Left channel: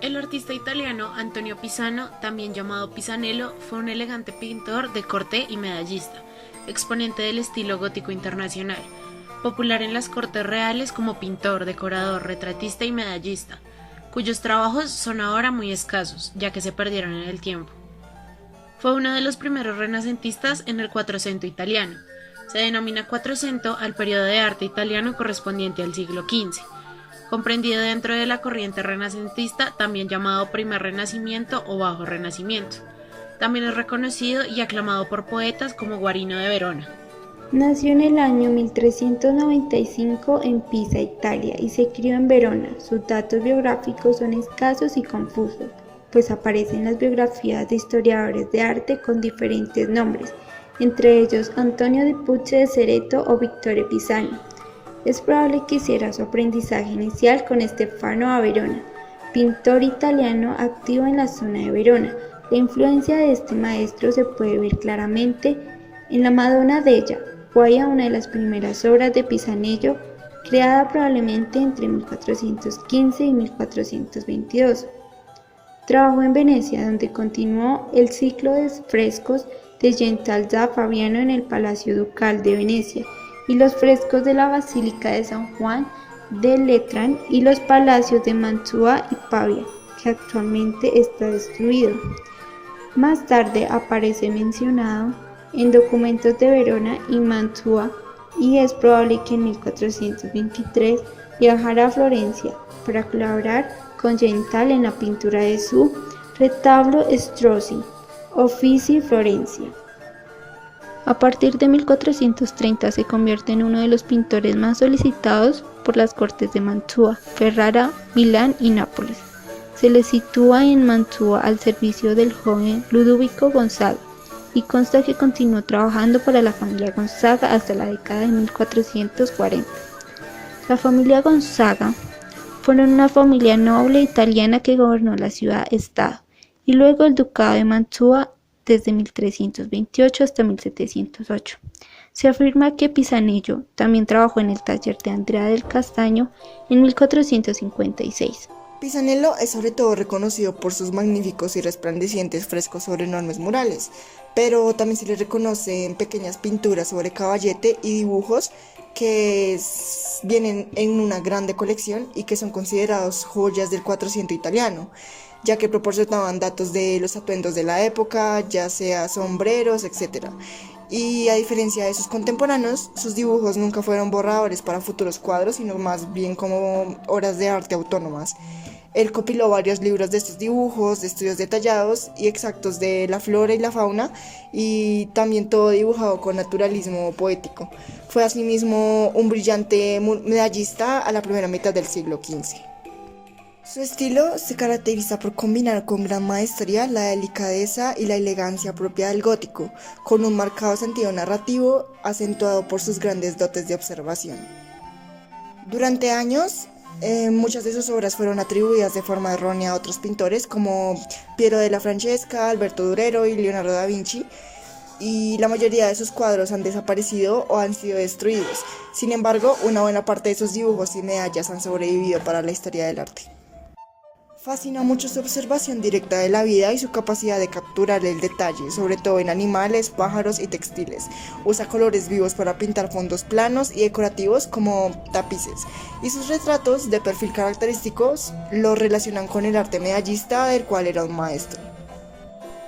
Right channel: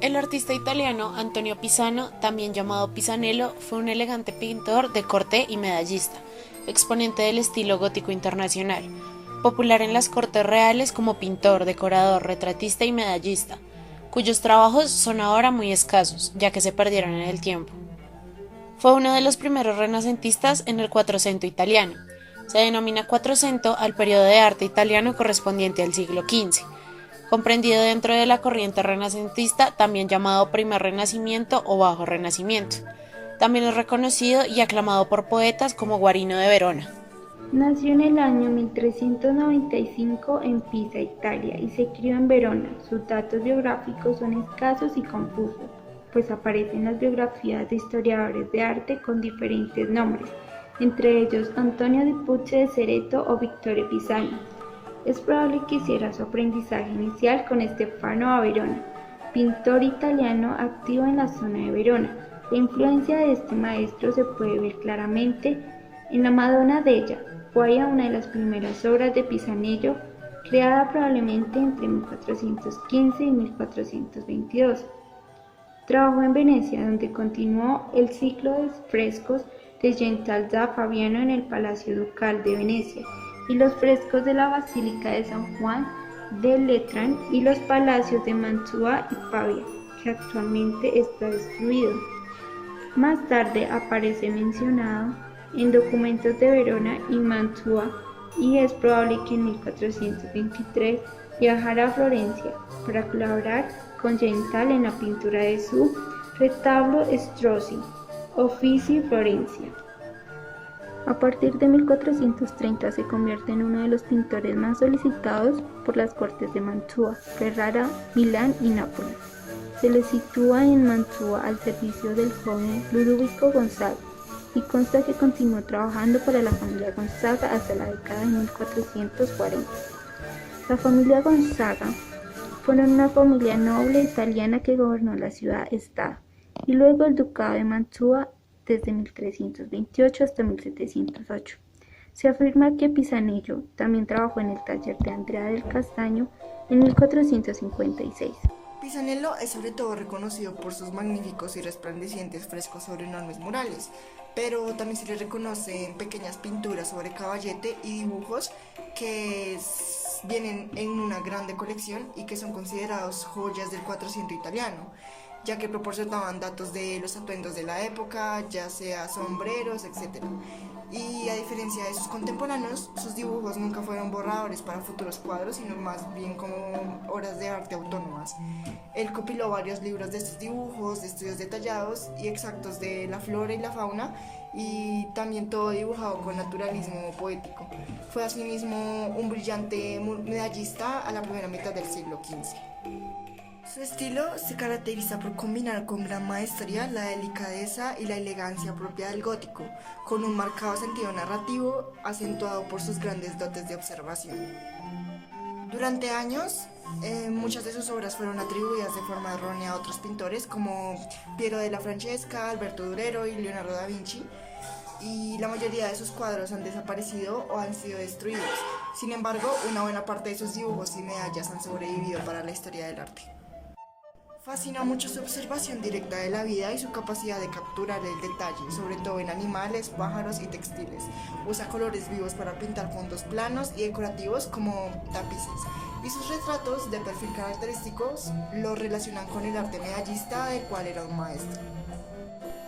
El artista italiano Antonio Pisano, también llamado Pisanello, fue un elegante pintor de corte y medallista, exponente del estilo gótico internacional, popular en las cortes reales como pintor, decorador, retratista y medallista, cuyos trabajos son ahora muy escasos, ya que se perdieron en el tiempo. Fue uno de los primeros renacentistas en el Quattrocento italiano. Se denomina Quattrocento al periodo de arte italiano correspondiente al siglo XV, comprendido dentro de la corriente renacentista, también llamado Primer Renacimiento o Bajo Renacimiento. También es reconocido y aclamado por poetas como Guarino de Verona. Nació en el año 1395 en Pisa, Italia, y se crió en Verona. Sus datos biográficos son escasos y confusos, pues aparecen las biografías de historiadores de arte con diferentes nombres, entre ellos Antonio di Pucci de Cereto o Vittore Pisano. Es probable que hiciera su aprendizaje inicial con Stefano a Verona, pintor italiano activo en la zona de Verona. La influencia de este maestro se puede ver claramente en la Madonna Della, Guaya, una de las primeras obras de Pisanello, creada probablemente entre 1415 y 1422. Trabajó en Venecia, donde continuó el ciclo de frescos de Gentile da Fabriano en el Palacio Ducal de Venecia y los frescos de la Basílica de San Juan de Letrán y los palacios de Mantua y Pavia, que actualmente está destruido. Más tarde aparece mencionado en documentos de Verona y Mantua y es probable que en 1423 viajara a Florencia para colaborar con Gentile en la pintura de su retablo Strozzi, Uffizi Florencia. A partir de 1430 se convierte en uno de los pintores más solicitados por las cortes de Mantua, Ferrara, Milán y Nápoles. Se le sitúa en Mantua al servicio del joven Ludovico Gonzaga y consta que continuó trabajando para la familia Gonzaga hasta la década de 1440. La familia Gonzaga fueron una familia noble italiana que gobernó la ciudad-estado y luego el ducado de Mantua desde 1328 hasta 1708. Se afirma que Pisanello también trabajó en el taller de Andrea del Castaño en 1456. Pisanello es sobre todo reconocido por sus magníficos y resplandecientes frescos sobre enormes murales, pero también se le reconocen pequeñas pinturas sobre caballete y dibujos que vienen en una grande colección y que son considerados joyas del Quattrocento italiano, ya que proporcionaban datos de los atuendos de la época, ya sea sombreros, etc. Y a diferencia de sus contemporáneos, sus dibujos nunca fueron borradores para futuros cuadros, sino más bien como obras de arte autónomas. Él compiló varios libros de estos dibujos, de estudios detallados y exactos de la flora y la fauna, y también todo dibujado con naturalismo poético. Fue asimismo un brillante medallista a la primera mitad del siglo XV. Su estilo se caracteriza por combinar con gran maestría la delicadeza y la elegancia propia del gótico, con un marcado sentido narrativo acentuado por sus grandes dotes de observación. Durante años, muchas de sus obras fueron atribuidas de forma errónea a otros pintores como Piero della Francesca, Alberto Durero y Leonardo da Vinci, y la mayoría de sus cuadros han desaparecido o han sido destruidos. Sin embargo, una buena parte de sus dibujos y medallas han sobrevivido para la historia del arte. Fascina mucho su observación directa de la vida y su capacidad de capturar el detalle, sobre todo en animales, pájaros y textiles. Usa colores vivos para pintar fondos planos y decorativos como tapices, y sus retratos de perfil característicos los relacionan con el arte medallista del cual era un maestro.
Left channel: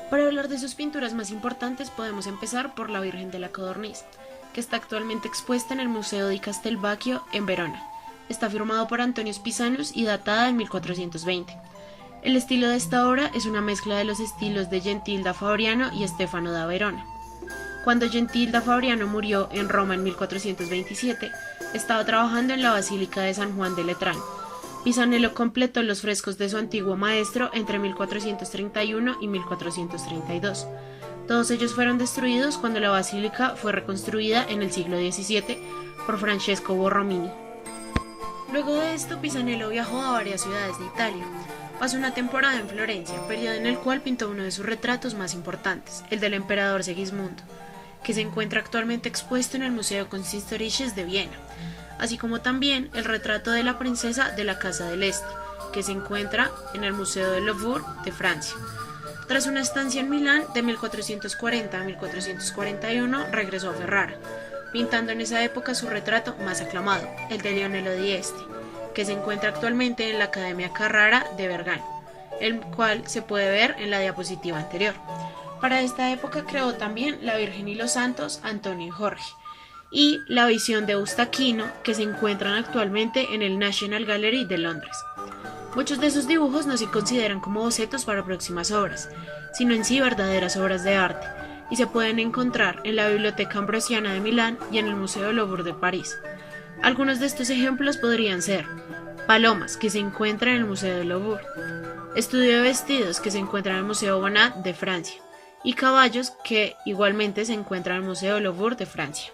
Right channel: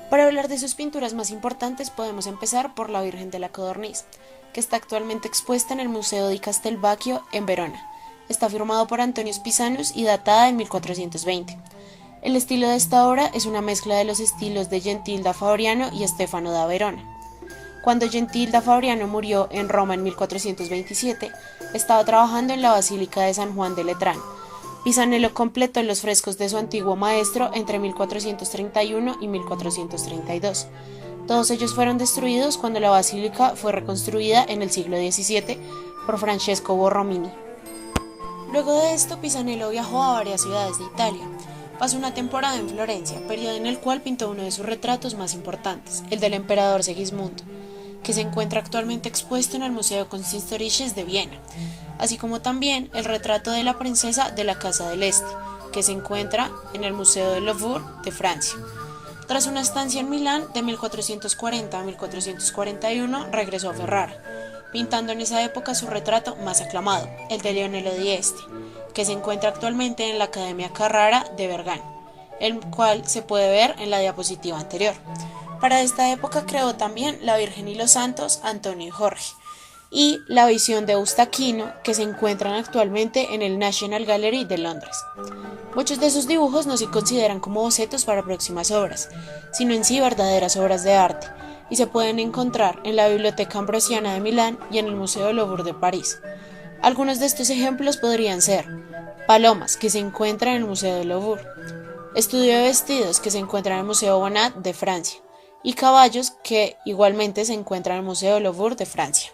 Para hablar de sus pinturas más importantes podemos empezar por la Virgen de la Codorniz, que está actualmente expuesta en el Museo di Castelvecchio en Verona. Está firmado por Antonio Pisanus y datada en 1420. El estilo de esta obra es una mezcla de los estilos de Gentile da Fabriano y Stefano da Verona. Cuando Gentile da Fabriano murió en Roma en 1427, estaba trabajando en la Basílica de San Juan de Letrán. Pisanello completó los frescos de su antiguo maestro entre 1431 y 1432. Todos ellos fueron destruidos cuando la basílica fue reconstruida en el siglo XVII por Francesco Borromini. Luego de esto, Pisanello viajó a varias ciudades de Italia. Pasó una temporada en Florencia, periodo en el cual pintó uno de sus retratos más importantes, el del emperador Segismundo, que se encuentra actualmente expuesto en el Museo Kunsthistorisches de Viena. así como también el retrato de la princesa de la Casa del Este, que se encuentra en el Museo del Louvre de Francia. Tras una estancia en Milán de 1440 a 1441, regresó a Ferrara, pintando en esa época su retrato más aclamado, el de Leonello di Este, que se encuentra actualmente en la Academia Carrara de Bergamo, el cual se puede ver en la diapositiva anterior. Para esta época creó también La Virgen y los Santos, Antonio y Jorge, y La Visión de Eustaquino, que se encuentran actualmente en el National Gallery de Londres. Muchos de sus dibujos no se consideran como bocetos para próximas obras, sino en sí verdaderas obras de arte, y se pueden encontrar en la Biblioteca Ambrosiana de Milán y en el Museo Louvre de París. Algunos de estos ejemplos podrían ser Palomas, que se encuentra en el Museo del Louvre, Estudio de Vestidos, que se encuentra en el Museo Bonnat de Francia, y Caballos, que igualmente se encuentra en el Museo Louvre de Francia.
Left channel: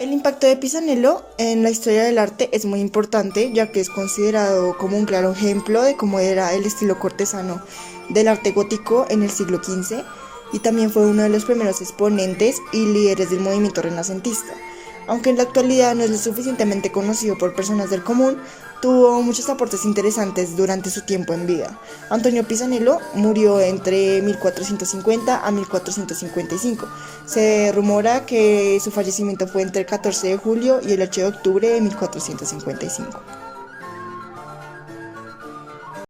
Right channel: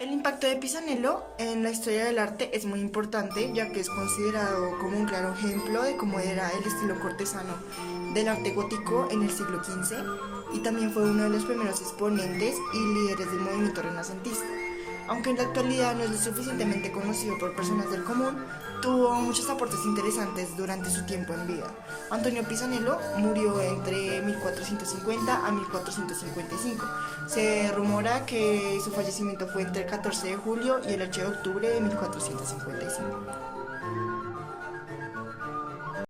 El impacto de Pisanello en la historia del arte es muy importante, ya que es considerado como un claro ejemplo de cómo era el estilo cortesano del arte gótico en el siglo XV, y también fue uno de los primeros exponentes y líderes del movimiento renacentista. Aunque en la actualidad no es lo suficientemente conocido por personas del común, tuvo muchos aportes interesantes durante su tiempo en vida. Antonio Pisanello murió entre 1450 a 1455. Se rumora que su fallecimiento fue entre el 14 de julio y el 8 de octubre de 1455.